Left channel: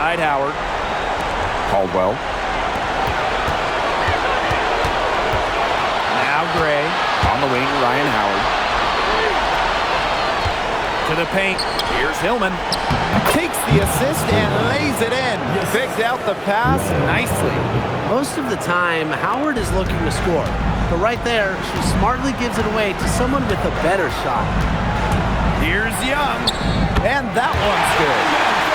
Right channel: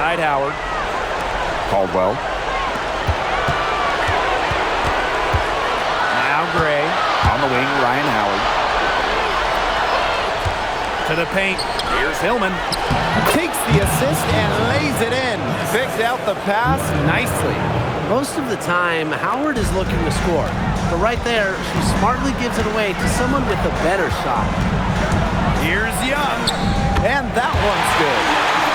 Outside Howard. Caldwell. Now Gray. On the wing, Ryan Howard. To the paint. Here's Hillman. Takes the assist and lays it in. Picked out the pass nicely. Most of the time, Howard is looking to score. But right there, she smartly gives it away to someone with a better shot. Here's Young. And that one's good.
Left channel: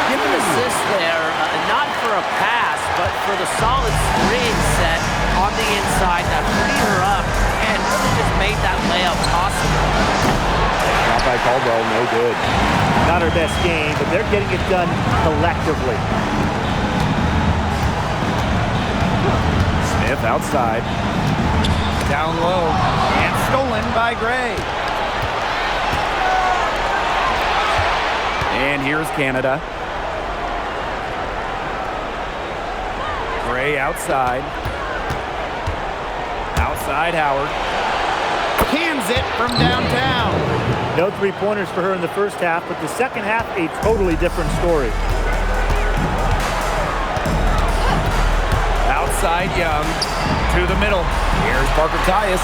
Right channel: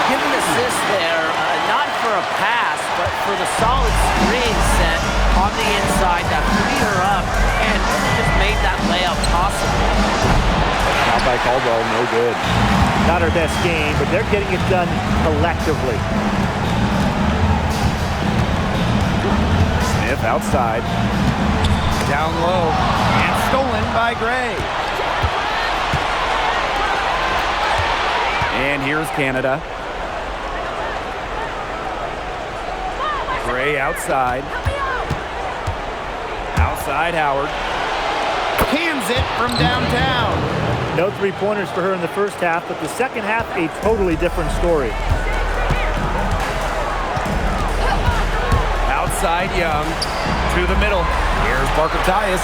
Give an assist there, not for a pass, but for the solid screen set on the inside that freed her up and really just made that layup possible. Shot by Caldwell, no good. Not her best game, but they're getting it done collectively. Smith outside. Down low. And stolen by Gray. And here's Canada. Gray outside. Outside Howard. Cans it from downtown. No three-pointers for her in the first half, but the second half, a totally different story. Outside Young. To the middle. Here's Parker Tyus.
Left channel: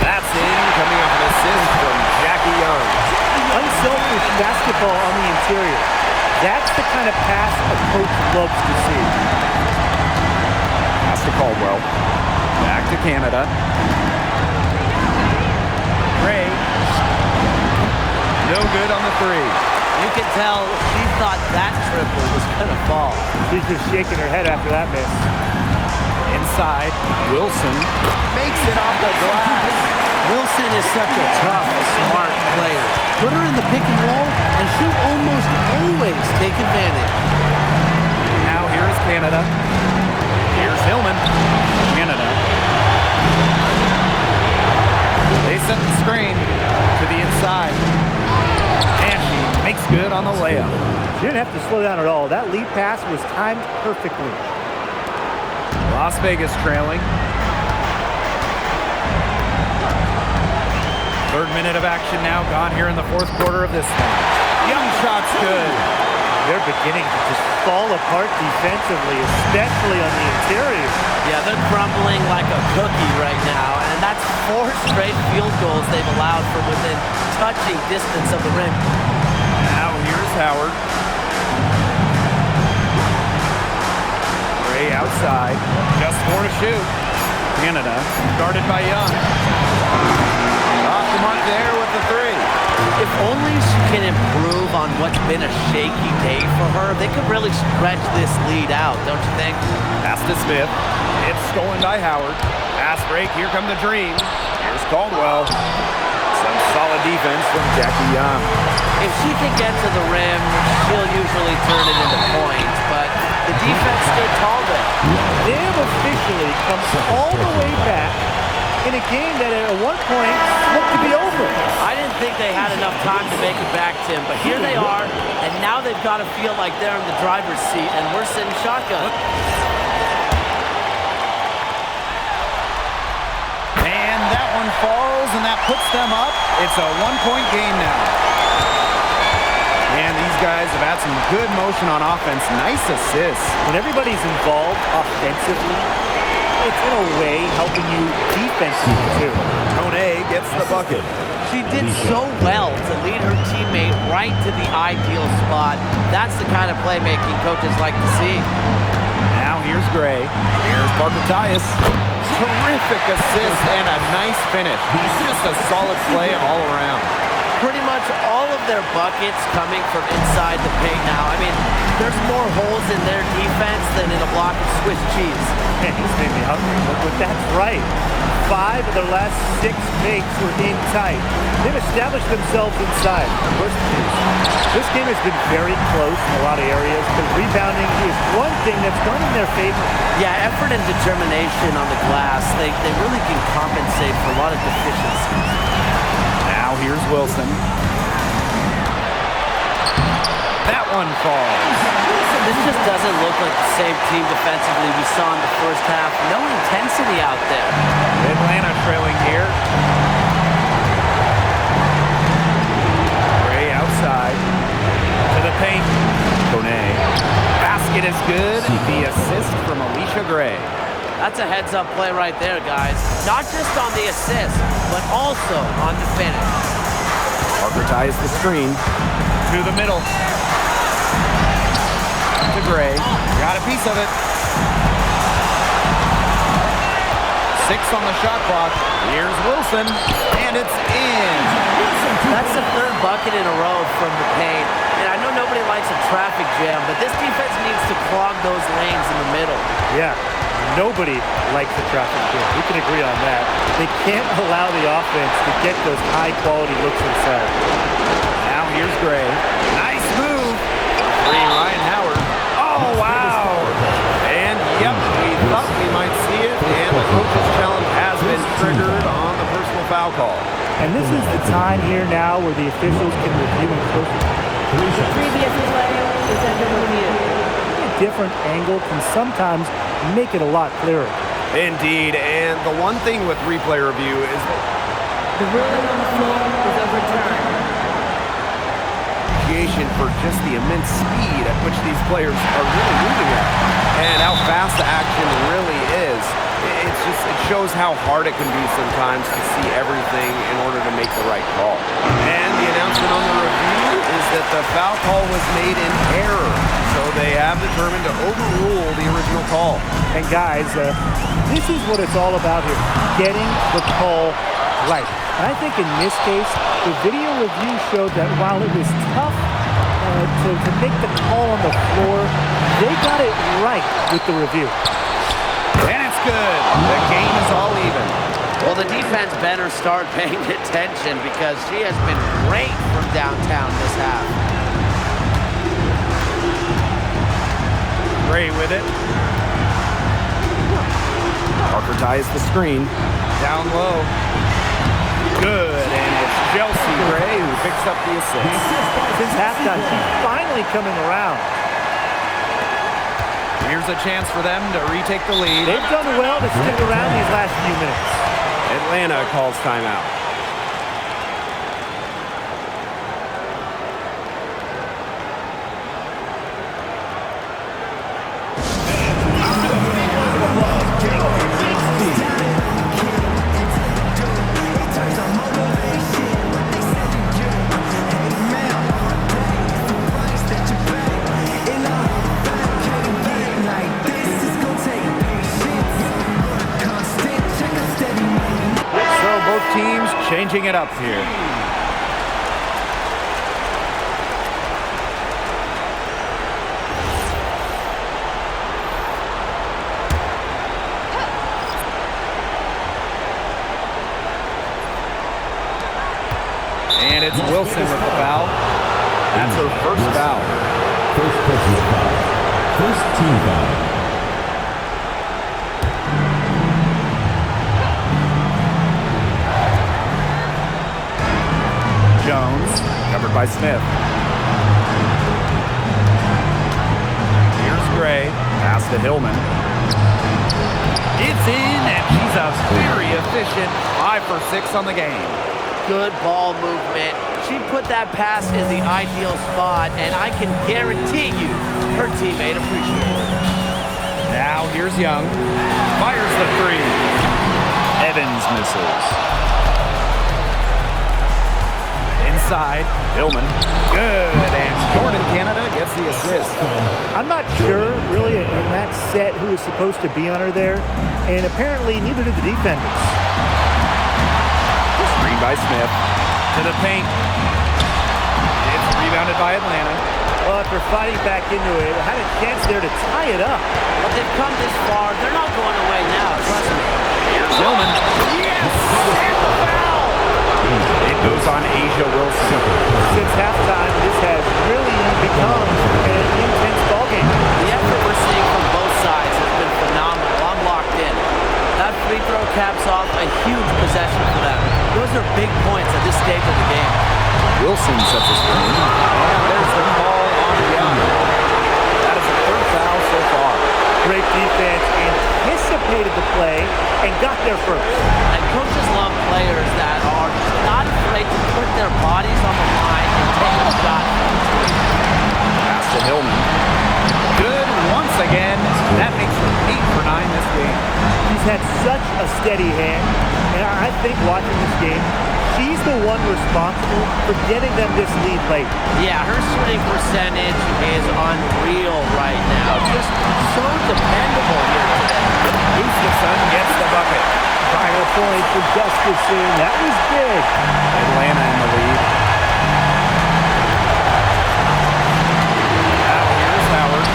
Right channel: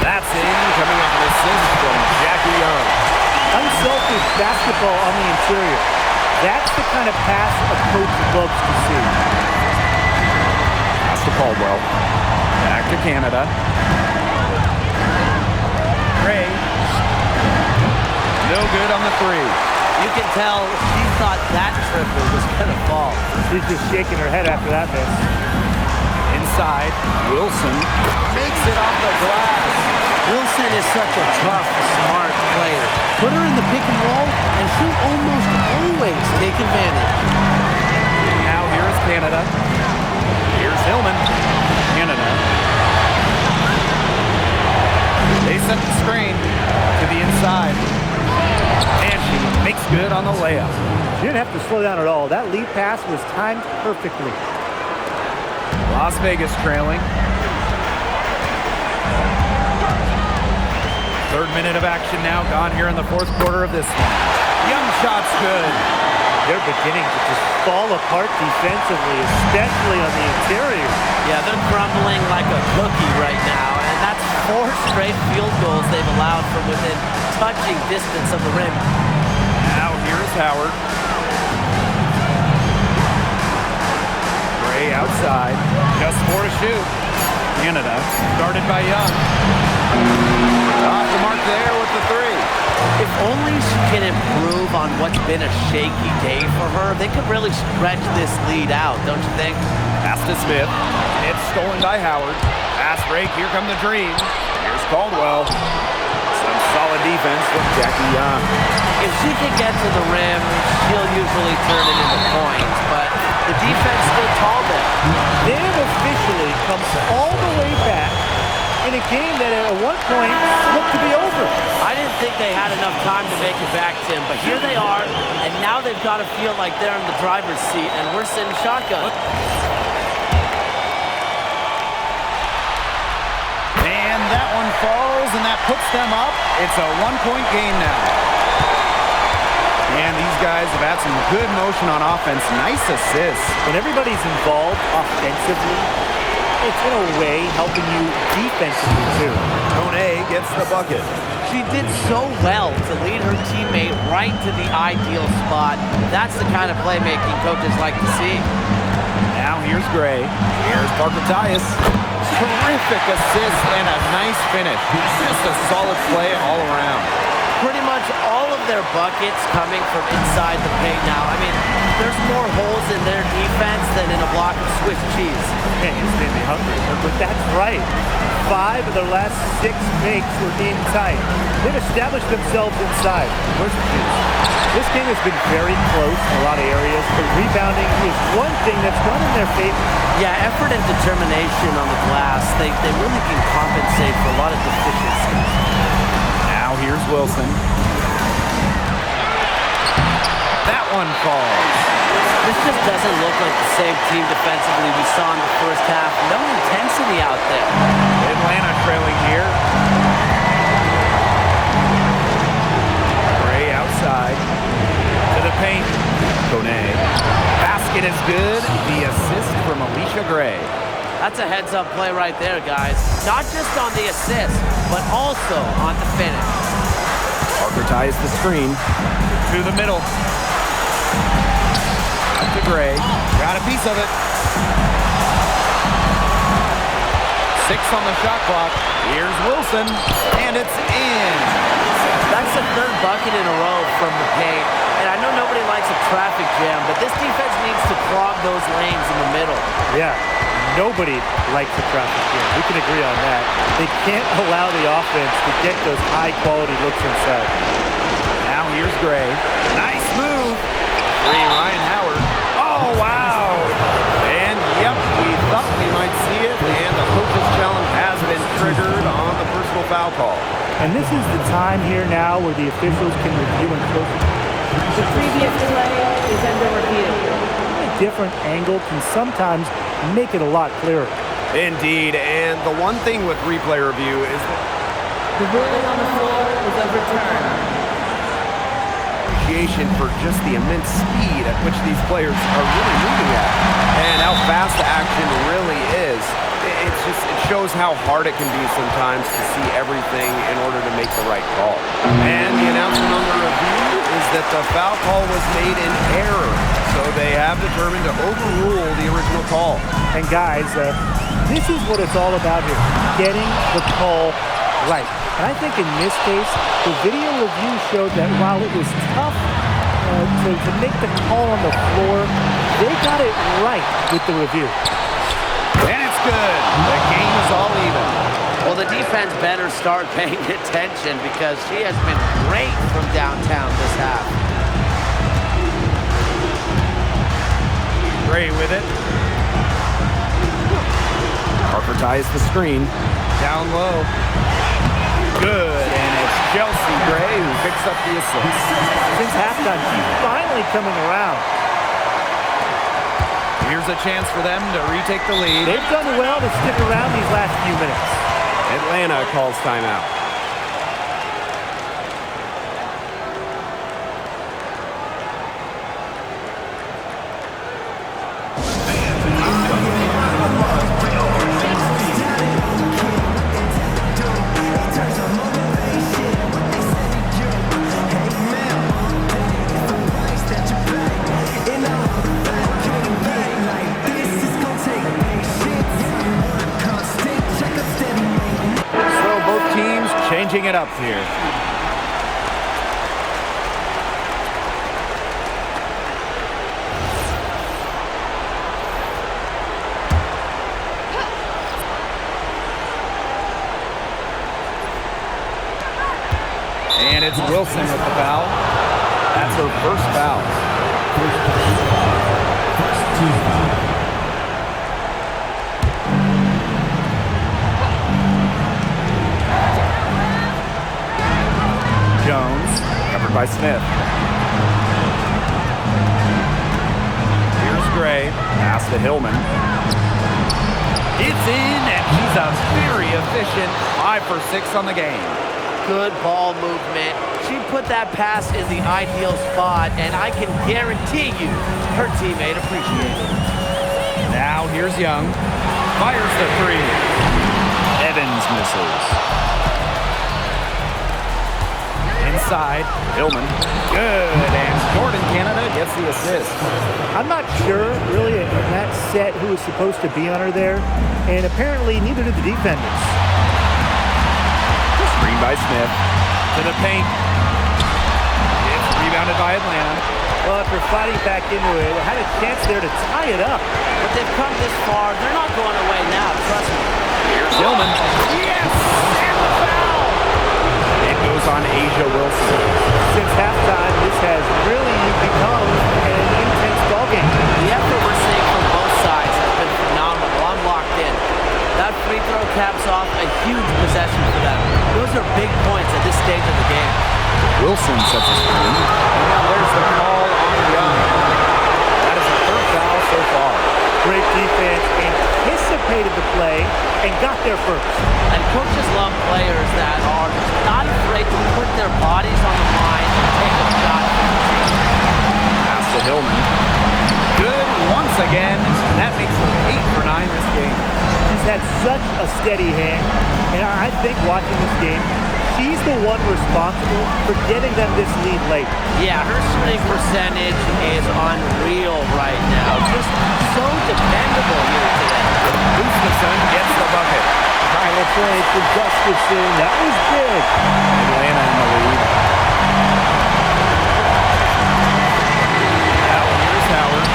That's in, coming off an assist from Jackie Young. Unselfish basketball on the interior. That's the kind of pass a coach loves to see. Pass to Caldwell. Back to Canada. Gray. No good on the three. You can tell she thought that triple was going to fall. She's just shaking her head after that miss. Inside, Wilson. Makes it off the glass. Wilson is such a tough, smart player. Put her in the pick and roll, and she'll almost always take advantage. Now here's Canada. Here's Hillman. Canada. They set the screen to the inside. And she makes good on the layup. She didn't have to slow down at all. That lead pass was timed perfectly. Las Vegas trailing. Third minute of action now gone here in the fourth quarter of this one. Young shot's good. They're beginning to just fall apart defensively, especially on the interior. Yeah, they're crumbling like a cookie right now, and that's 4 straight field goals they've allowed from within touching distance of the rim. Now here's Howard. Gray outside. Just 4 to shoot. Canada guarded by Young. Off the mark there with the three. If only she can improve on what's been a shaky day for her, they could really stretch this lead out, don't you think? Pass to Smith. It's stolen by Howard. Pass break. Here come the Dream. Here's Caldwell. Some solid defense from Jackie Young. If she can get to the rim, she'll usually turn it into points, but the defense stood tall there. They have officially come all the way back in a game that at one point looked to be over. I didn't think they had enough time to make it back, Tim, but here they are, and now they've got to feel like they're in the driver's seat, and we're sitting shotgun. And that one falls, and that puts them up. It's a 1-point game now. And these guys have had some good motion on offense. Nice assists. When everybody's involved offensively, it's in a way helping you defensively too. Kone gets the bucket. She did so well to lead her teammate right to the ideal spot. That's the kind of playmaking coaches like to see. Now here's Gray. Here's Parker Tyus. Terrific assist and a nice finish. Just a solid play all around. Pretty much all of their buckets coming from inside the paint now. I mean, there's more holes in their defense than in a block of Swiss cheese. Man, you just made me hungry, but that's right. 5 of their last 6 makes were in tight. They've established themselves inside. Where's the juice? This game has been very close in a lot of areas, but rebounding is one thing that's gone in their favor. Yeah, effort and determination on the glass, they really can compensate for a lot of deficiencies. Now here's Wilson. That one falls. This just doesn't look like the same team defensively we saw in the first half. No intensity out there. Atlanta trailing here. Gray outside. To the paint. Kone. basket is good. The assist from Alicia Gray. That's a heads-up play right there, guys. Not just on the assist, but also on the finish. Parker ties the screen to the middle. Out to Gray. Got a piece of it. 6 on the shot clock. Here's Wilson, and it's in. That's the 3rd bucket in a row from the paint. And I know nobody likes a traffic jam, but this defense needs to clog those lanes in the middle. Yeah, nobody likes a traffic jam. We can agree on that. They can't allow the offense to get those high-quality looks inside. Now here's Gray. Nice move. For 3, Ryan Howard. Oh, wow. And, yep, we thought we might see it, and the coach's challenge has been triggered on the personal foul call. And this is the time here now where the officials can review and close it. The previous play is under review. A different angle can sometimes make it a lot clearer. Indeed, and the one thing with replay review is that The ruling on the floor is overturned. appreciation for just the immense speed at which these players are really moving at, and how fast the action really is. It shows how hard it can be sometimes to see everything in order to make the right call. And the announcement on the review is that the foul call was made in error, so they have determined to overrule the original call. And guys, this is what it's all about here, getting the call right. And I think in this case, the video review showed that while it was tough to make the call on the floor, they got it right with the review. And it's good. The game is all even. Well, the defense better start paying attention because she has been great from downtown this half. Gray with it. Parker ties the screen. Down low. Good, and it's Chelsea Gray who picks up the assist. Since halftime, she's finally coming around. Here's a chance for them to retake the lead. They've done well to stick around these last few minutes. Atlanta calls timeout. Both teams changing it up here. And it's Wilson with the foul. That's her first foul. First person's foul. First team foul. Jones, covered by Smith. Here's Gray, pass to Hillman. It's in, and she's a very efficient 5 for 6 on the game. Good ball movement. She put that pass in the ideal spot, and I can guarantee you her teammate appreciated it. Now here's Young. Fires the 3. Evans misses. Inside, Hillman. Good, and Jordan Canada gets the assist. I'm not sure, really, in that set who was supposed to be on her there, and apparently neither did the defenders. Screen by Smith. To the paint. It's rebounded by Atlanta. Well, after fighting back into it, had a chance there to tie it up. But they've come this far. They're not going away now, trust me. Here's Hillman. Yes! And the foul! It goes on Asia Wilson. Since halftime, this has really become an intense ballgame. The effort we're seeing from both sides has been phenomenal. I'm locked in. That free throw caps off a huge possession for them. Those are big points at this stage of the game. Wilson sets a screen, and there's the call on Young. That is her 3rd foul so far. Great defense, anticipated the play, and got there first. And coaches love players that are not afraid to put their bodies on the line and take a shot for the team. Pass to Hillman. Good once again. That makes her 8 for 9 this game. She's had such a steady hand, and I think watching this game, she's the one responsible for getting them this lead late. Yeah, her shooting percentage is unreal right now. Just so dependable here today. Gustafson gets the bucket. Final point for Gustafson. That was big. Atlanta in the lead. Now here's Howard.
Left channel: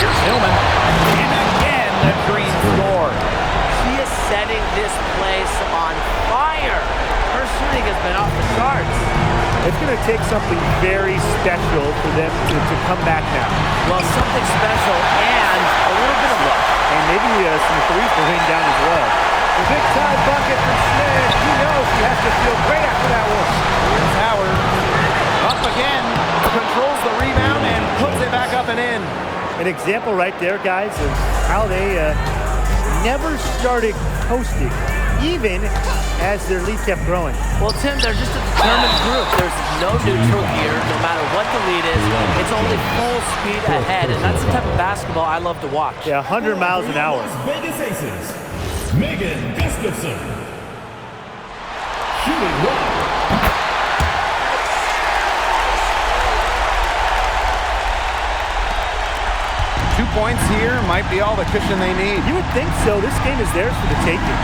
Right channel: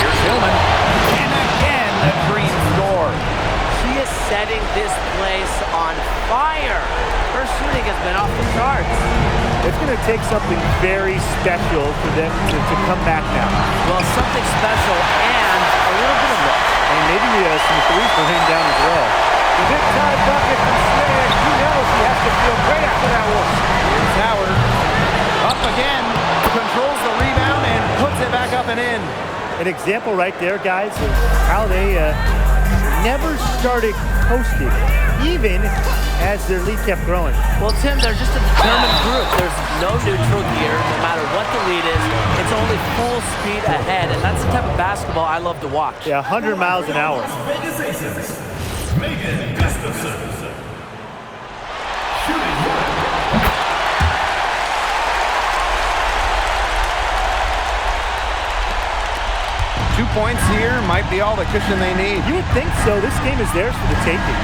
Here's Hillman. And again, the Dream score. She is setting this place on fire. Her shooting has been off the charts. It's going to take something very special for them to come back now. Well, something special and a little bit of luck. And maybe some threes will rain down as well. The big time bucket from Smith. You know she has to feel great after that one. Here's Howard. Up again. Controls the rebound and puts it back up and in. An example right there, guys, of how they never started coasting, even as their lead kept growing. Well, Tim, they're just a determined group. There's no neutral here. No matter what the lead is, it's only full speed ahead, and that's the type of basketball I love to watch. Yeah, 100 miles an hour. Vegas Aces, Megan Gustafson. Shooting 1. 2 points here might be all the cushion they need. You would think so. This game is theirs for the taking.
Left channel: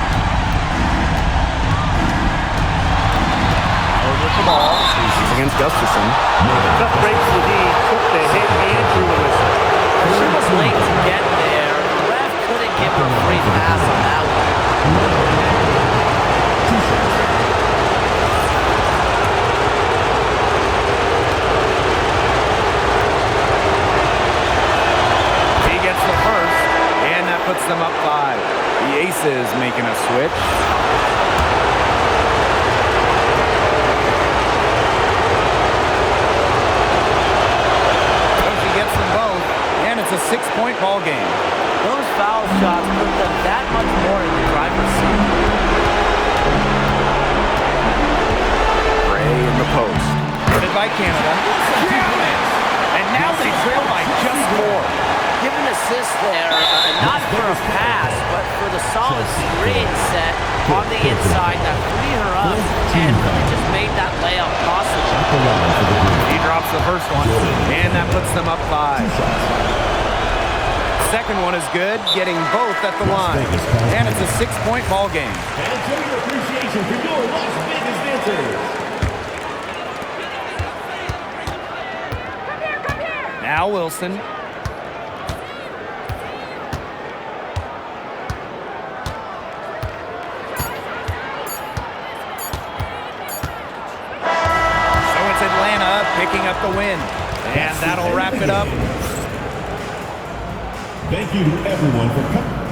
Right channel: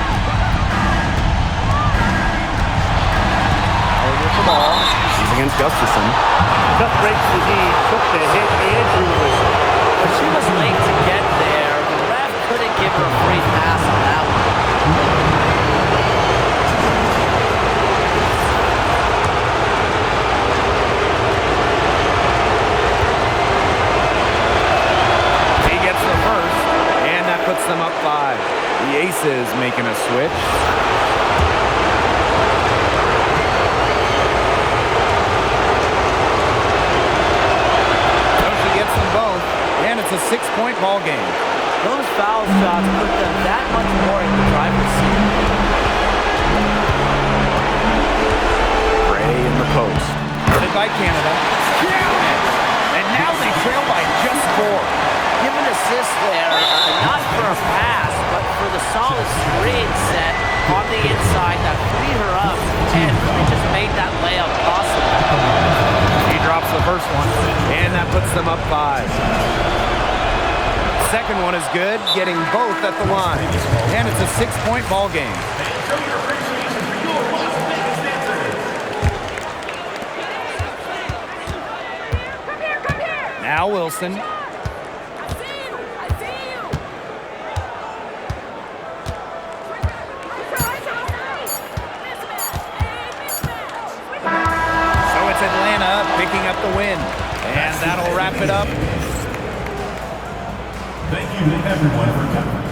Howard with the ball. She's against Gustafson. Tough break for the D. Took the hit and drew the whistle. She was late to get there. The ref couldn't give her a free pass on that one. Gets the first, and that puts them up 5. The Aces making a switch. So she gets them both, and it's a 6-point ball game. Those foul shots put them that much more in the driver's seat. Gray in the post. Guarded by Canada. Count it! And now they trail by just 4. Give an assist there, not for a pass, but for the solid screen set on the inside that freed her up and really just made that layup possible. He drops the first one, and that puts them up 5. Second one is good, getting both at the line. And it's a 6-point ball game. And show your appreciation for your Las Vegas dancers. Come here! Now Wilson. It's Atlanta picking up the win. And that'll wrap it up. Thank you to everyone for coming.